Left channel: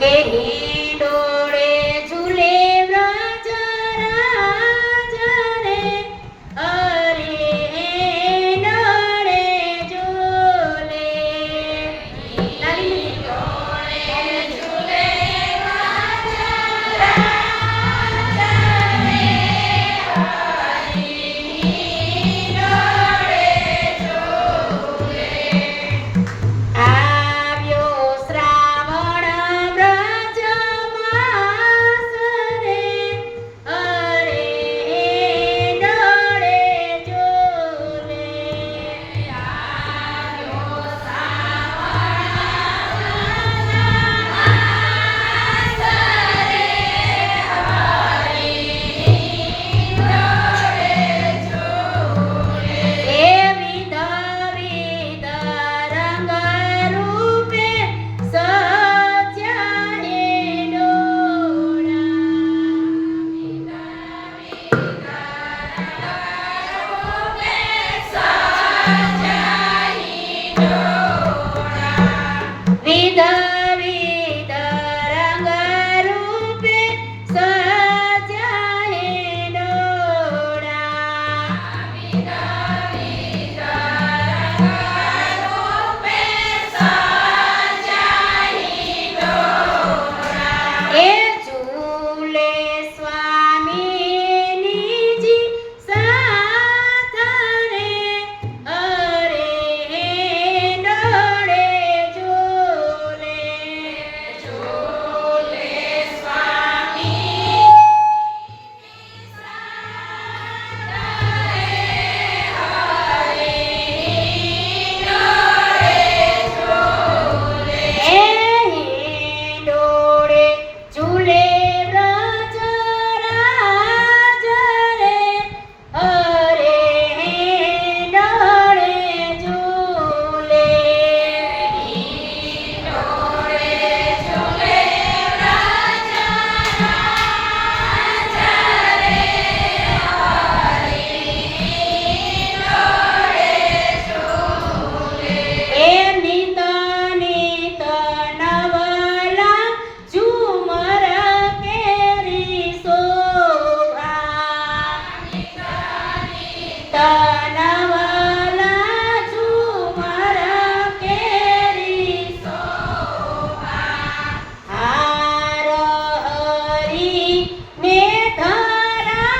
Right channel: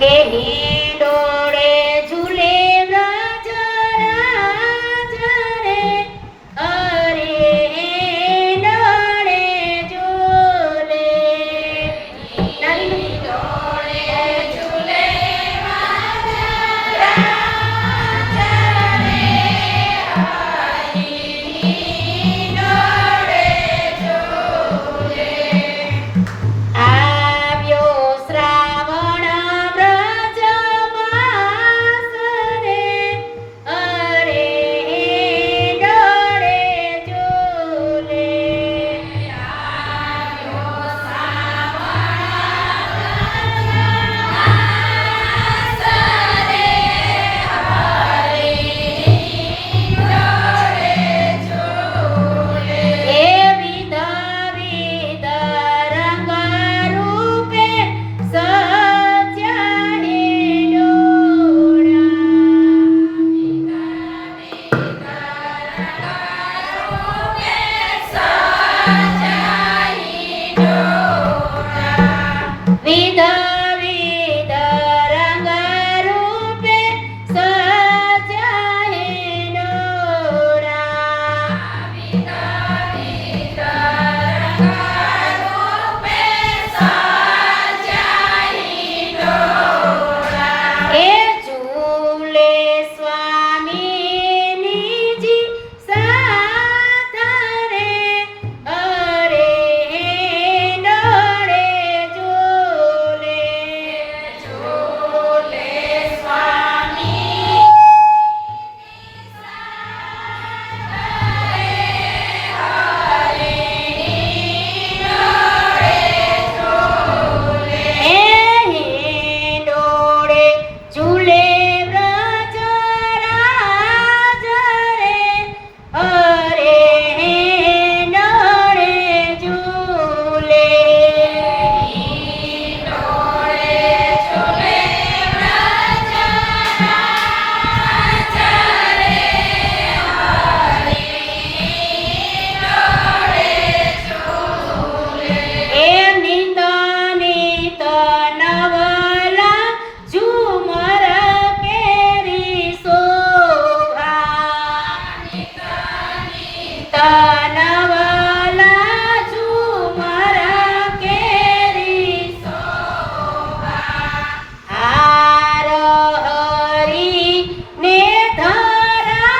કે હિંડોળે ઝૂલે વ્રજ રાજ રે, અરે હિંડોળે ઝૂલે. હિંડોળે ઝૂલે વ્રજ રાજ રે, હિંડોળે ઝૂલે. આવ્યો શ્રાવણ વ્રજ માસ રે, અરે હિંડોળે ઝૂલે. આવ્યો વિધ વિધ રંગ રૂપે સજ્યા હિંડોળા. વિધ વિધ રંગ રૂપે સજ્યા હિંડોળા. એ ઝૂલે સ્વામીનીજી સાથ રે, અરે હિંડોળે ઝૂલે. ઝૂલે સ્વામી હિંડોળે ઝૂલે વ્રજ રાજ રે, અરે હિંડોળે ઝૂલે. હિંડોળે ઝૂલે વ્રજ રાજ રે, હિંડોળે ઝૂલે. એ નિત નિત નવલા ઝુમર કેરી શોભા. નિત નિત નવલા ઝુમર કેરી શોભા. હાર હરી ને ધરાય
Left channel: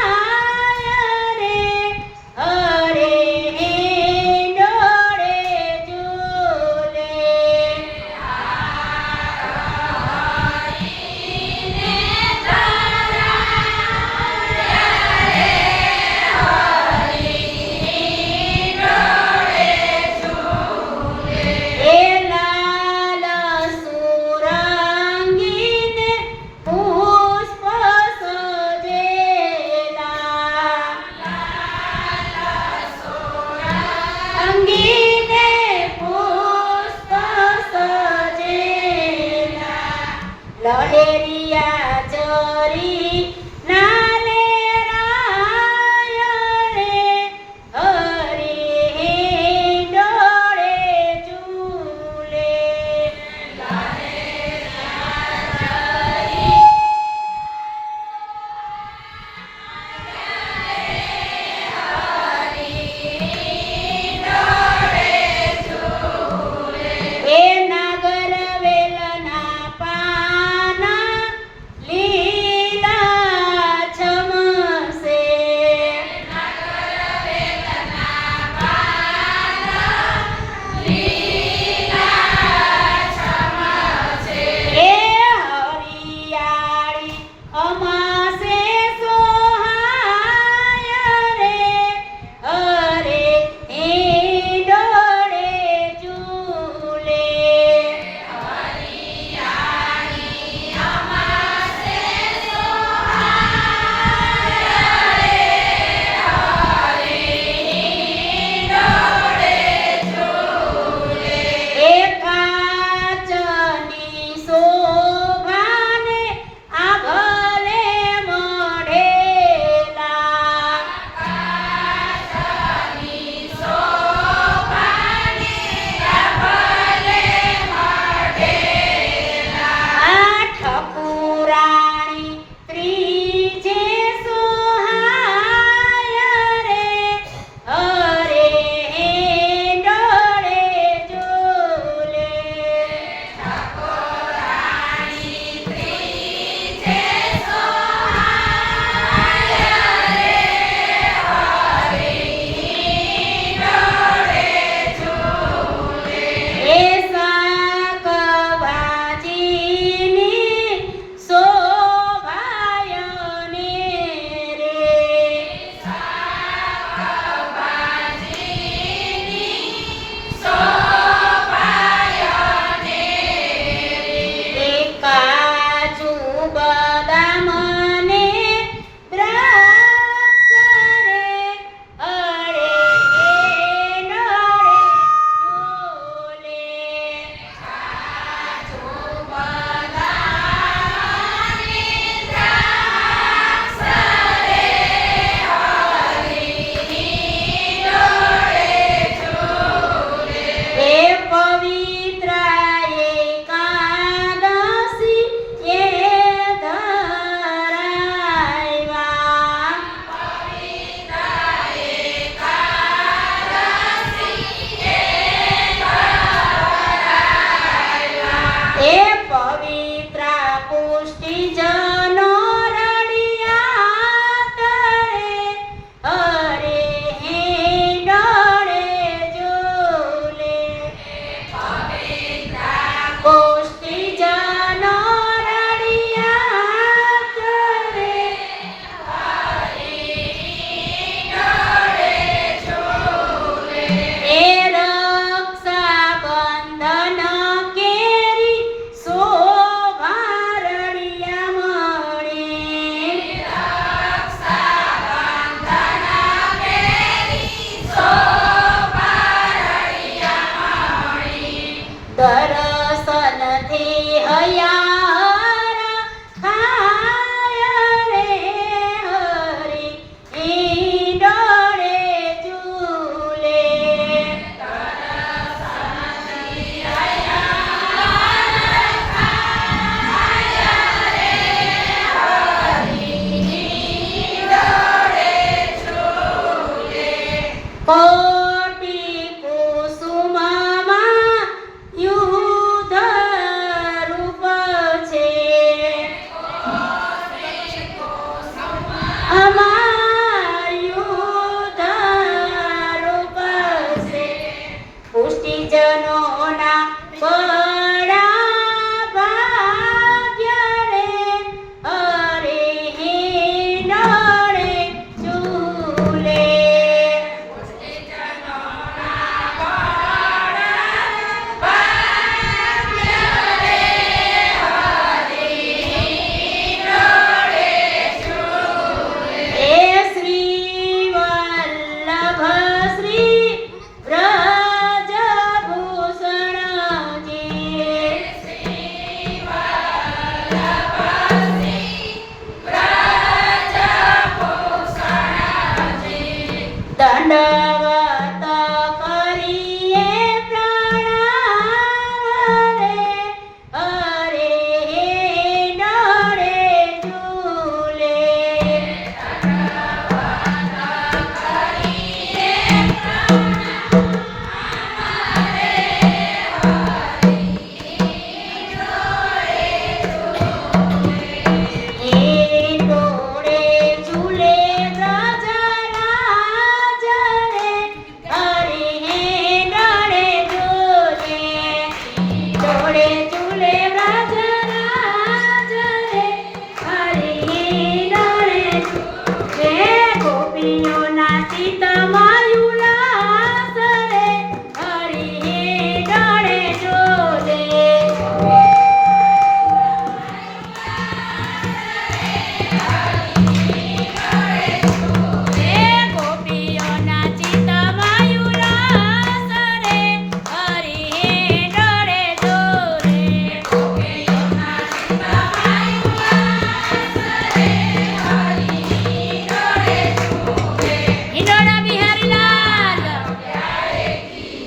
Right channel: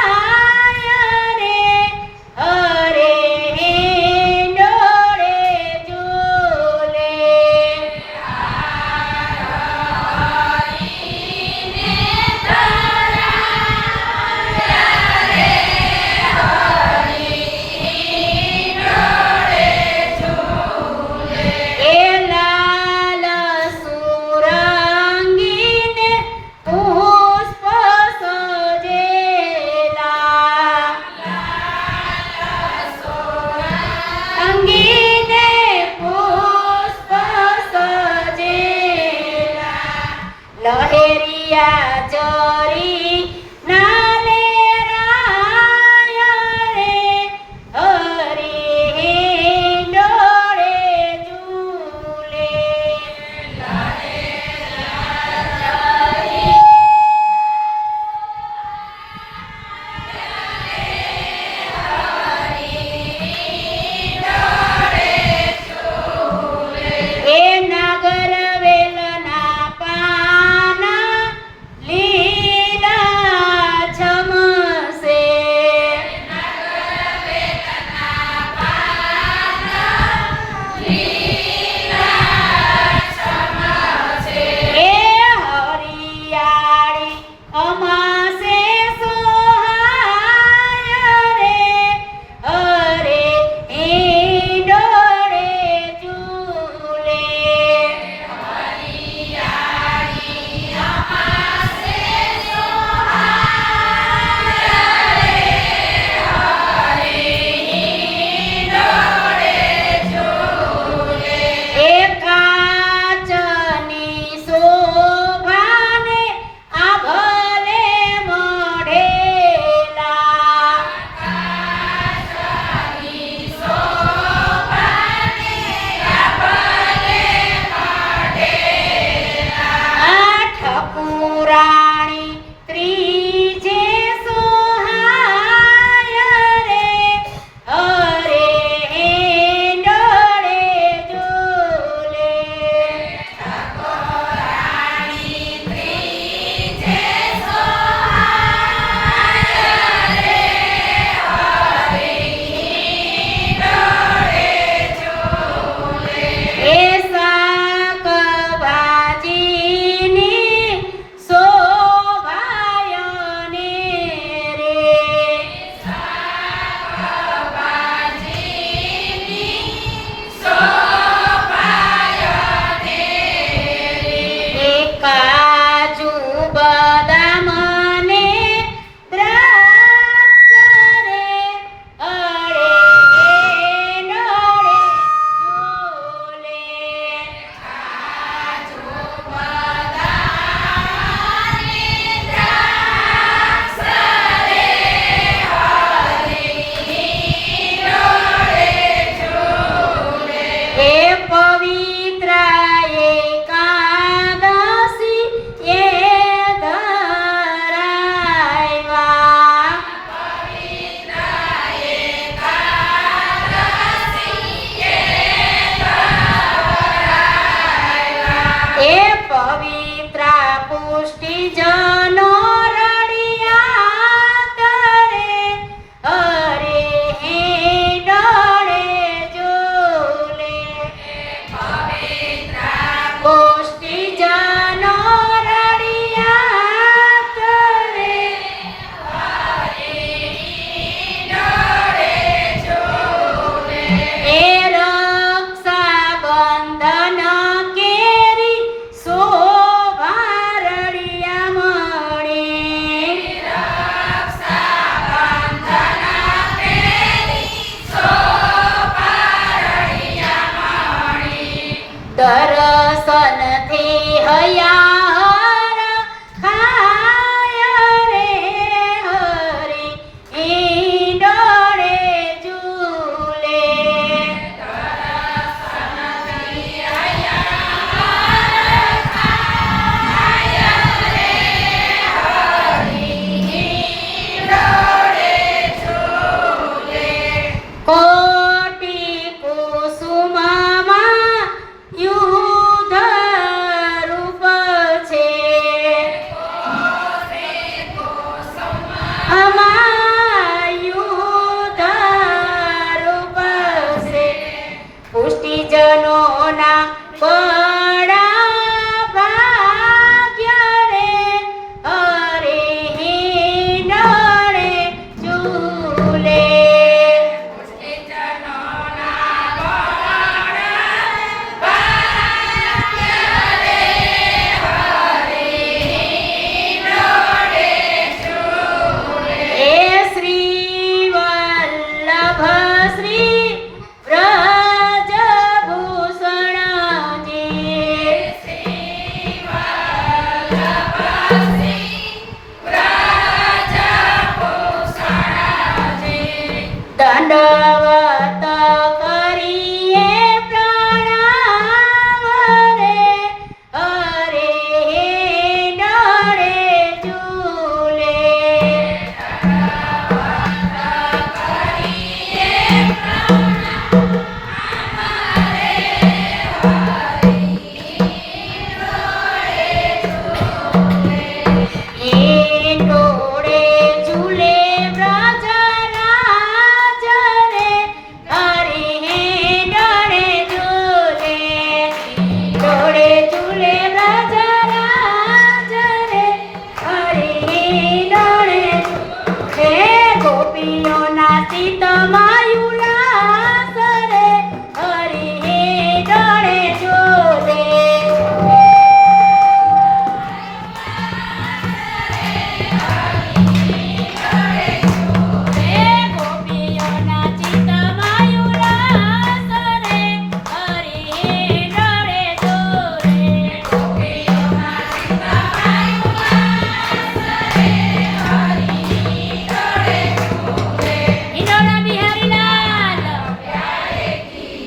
રે, અરે હિંડોળે ઝૂલે. એ લાલ સુરંગીને પુષ્પ સજેલા. અંગીને પુષ્પ સજેલા. લહેરિયા ચરી નાલે રાય રે, હરે હિંડોળે ઝૂલે. એ નાગર વેલના પાના એ